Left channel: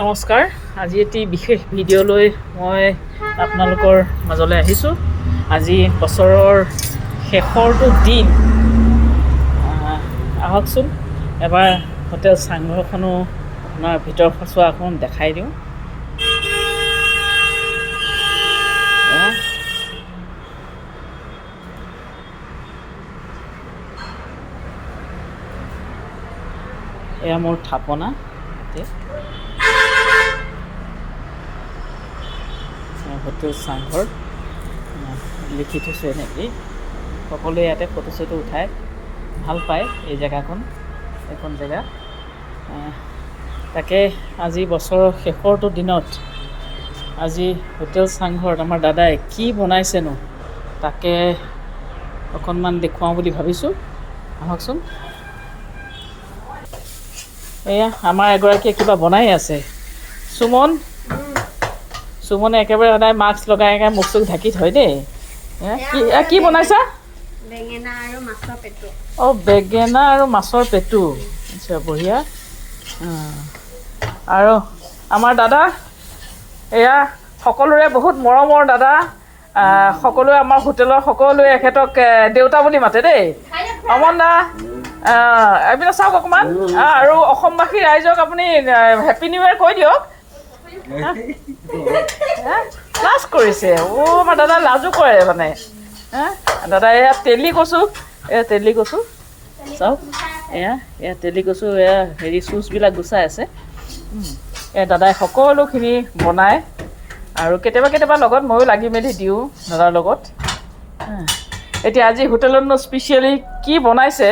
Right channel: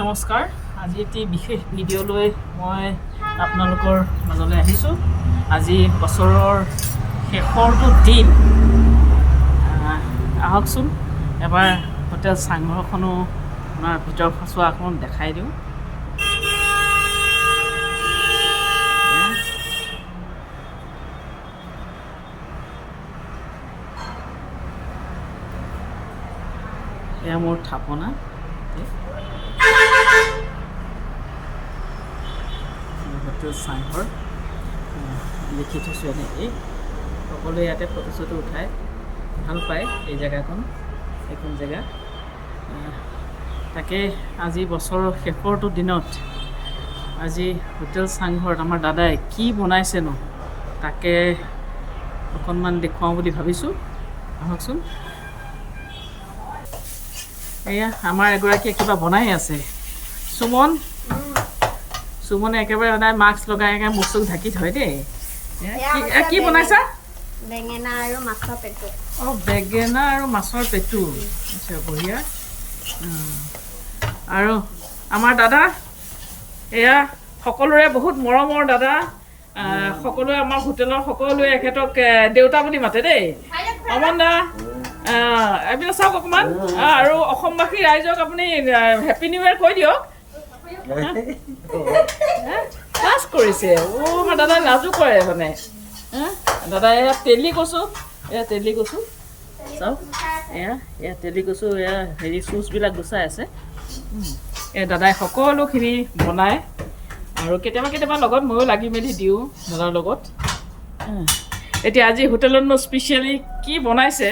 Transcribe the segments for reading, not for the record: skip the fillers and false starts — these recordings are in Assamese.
নমস্কাৰ। আজি এটি বিশেষ ভিডিঅ' লৈ মই আপোনালোকৰ মাজলৈ আহিছোঁ। আজি বছৰৰ শেষৰটো দিন। আহকচোন এবাৰ হোটেল চাংঘৰখনো আপোনাৰ ভিতৰ সচোৱা অকণমান দেখাই দিওঁ। এয়া মোৰ থাপনা। হোটেল চাংঘৰ লিখি থৈছোঁ এনেকেই। সকলোৱে ইয়াতে ফটো চটো উঠাই ভাল পায় এই জেগাখন, এইখন জেগা। তাকে আজি বছৰৰ শেষৰটো দিনত আজি হোটেল চাংঘৰত আমাৰ দাদাই কি বনাইছেনো তাকে অকণমান দেখুৱাওঁ বুলি ভাবিছোঁ। আহকচোন। এয়া আমাৰ এগৰাকীয়ে কিবা বনাই আছে। সুমনে একেবাৰে সদায় মাস্ক লগাই মুখ চুখ ঢাকি থয় দেই। কি বনাইছা? বেঙেনা আৰু মাছৰ পেটু। অঁ, বেঙেনা আৰু মাছৰ পেটু। আচ্ছা, বঢ়িয়া। আৰু আমাৰ দাদা, এয়া সকলোৰে বহুত মৰমৰ দাদা। সকলোৱে আমাৰ হোটেলৰ সকলোৱে এখেতক দেউতা বুলি মাতে দেই। অমন দা, এইবিলাক চাওক অকণমান। আৰু অসমবাসী ৰাইজক আপুনি হেপী নিউ ইয়েৰ কৈ দিয়ক। লাজ কৰিছে। আমাৰ দাদা লাজো কৰে মানে। দাদা এয়া তেলি কচু, চাওক। এয়া তেলি কচু, এয়া চুচবিলাক গুচাই আছে। দাদাই সকলোখিনি বনায় আৰু কেতিয়াবা লগত ময়ো লাগি মেলি দিওঁ দাদাৰ লগত। এতিয়া আজি হোটেলতনো স্পেচিয়েলি কি বনাইছে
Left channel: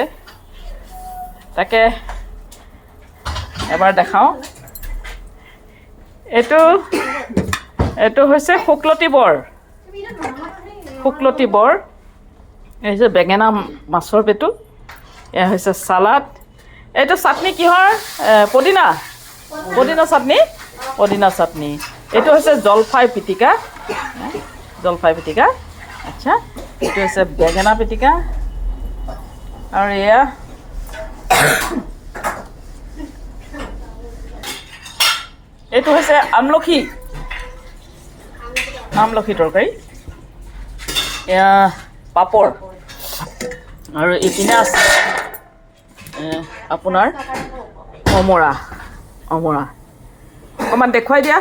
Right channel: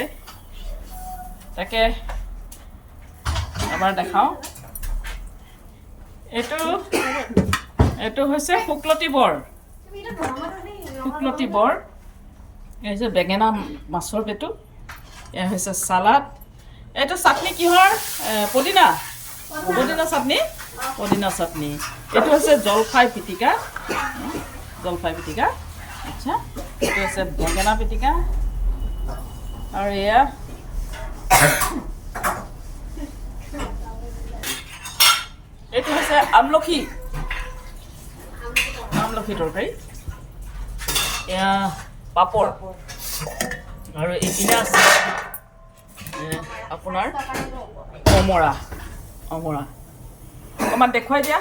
তাকে এবাৰ দেখাওঁ। এইটো হৈছে শুকলতি বৰ। এই হৈছে বেঙেনা মাছৰ পেটু। এয়া হৈছে চালাড। এইটো চাটনি কিহৰ? পদিনা চাটনি। এইটো হৈছে জলফাই পিটিকা। আচ্ছা, এইটো হৈছে বেঙেনা পিটিকা। আৰু এয়া এইটো হৈছে আমলখি তৰকাৰী। এয়া পাপৰ। আৰু এইপিনে আছে আপোনাৰ অমৰা। অকণমান দেখুৱাই দিয়া।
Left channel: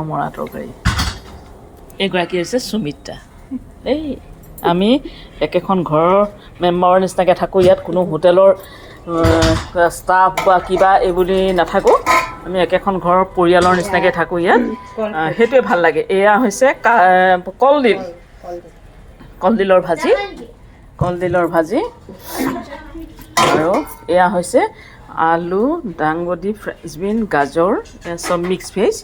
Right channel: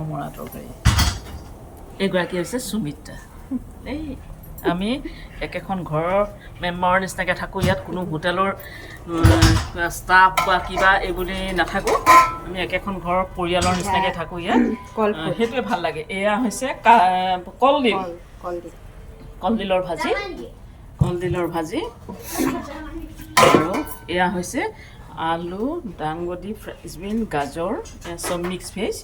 অমৰা তৰকাৰী। এইগৰাকী হৈছে সুমিত্ৰা। এই আমি একেখন ঘৰৰ মেম্বাৰৰ নিচিনাকৈ থাকোঁ ইয়াত। কোনো হোটেলৰ ষ্টাফ বা কিবা এই বুলি নাথাকোঁ। আমি একেখন ঘৰৰ পৰিয়ালৰ নিচিনাকৈ থাকোঁ ইয়াত। সেইটোৱে ভাল লাগে। এয়া হৈছে কলডিলৰ ভাজি। আৰু এয়া হৈছে আলু, দাংবডি, ফ্ৰেঞ্চবিন, গাজৰ, চব মিক্স ভেজ।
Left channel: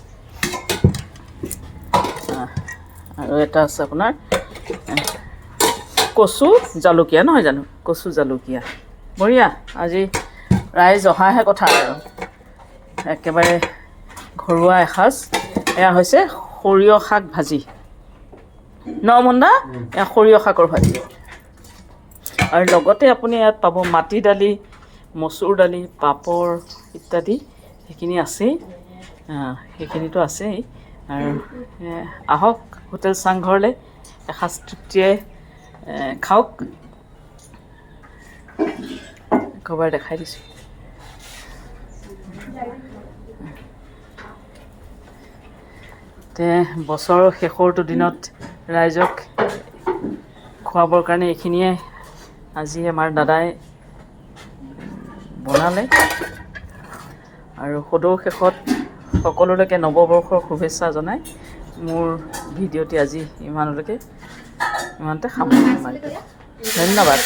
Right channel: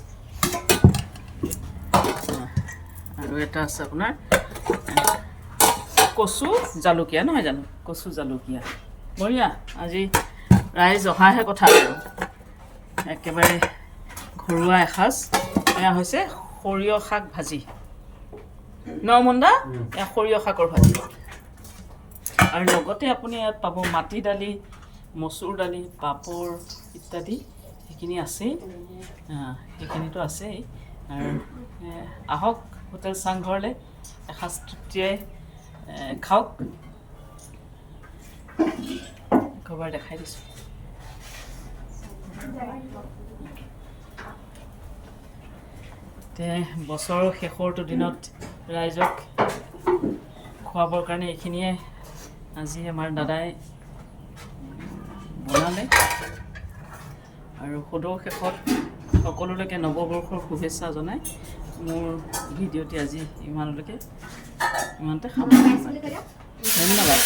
আৰু এটা আছে আপোনাৰ কচু জালুকীয়া, নহয় জানো? কচু জালুকীয়া। বঢ়িয়া। আজি ৰাইজ অহাহে কথা আৰু একেবাৰে ঘৰুৱা এসাঁজ। এয়া হৈছে সৰিয়হ শাক ভাজি। মন্দা, এয়া সৰিয়হ শাকৰ ভাজি। আৰু লগতে আপুনি ইয়াত পাব মাটি দালি, মচুৰ দালি, পাপৰ ইত্যাদি। সেইখিনি আছেই, সেইখিনিতো আছেই। আৰু আহক হোটেল চাংঘৰলৈ, এসাঁজ তৃপ্তিয়ে খাওক। একবাৰ দেখাই দিছোঁ। বছৰৰ শেষৰটো দিনত ৰাইজক খুৱাবৰ কাৰণে এইখিনিয়ে আজি আমাৰ দাদাই বনালে। আৰু সদৌ শেষত সকলোলৈকে নৱবৰ্ষৰ শুভেচ্ছা জনাই মোৰ ভিডিঅ'টি আজি ইমানতে সামৰণি মাৰিলোঁ। ধন্যবাদ।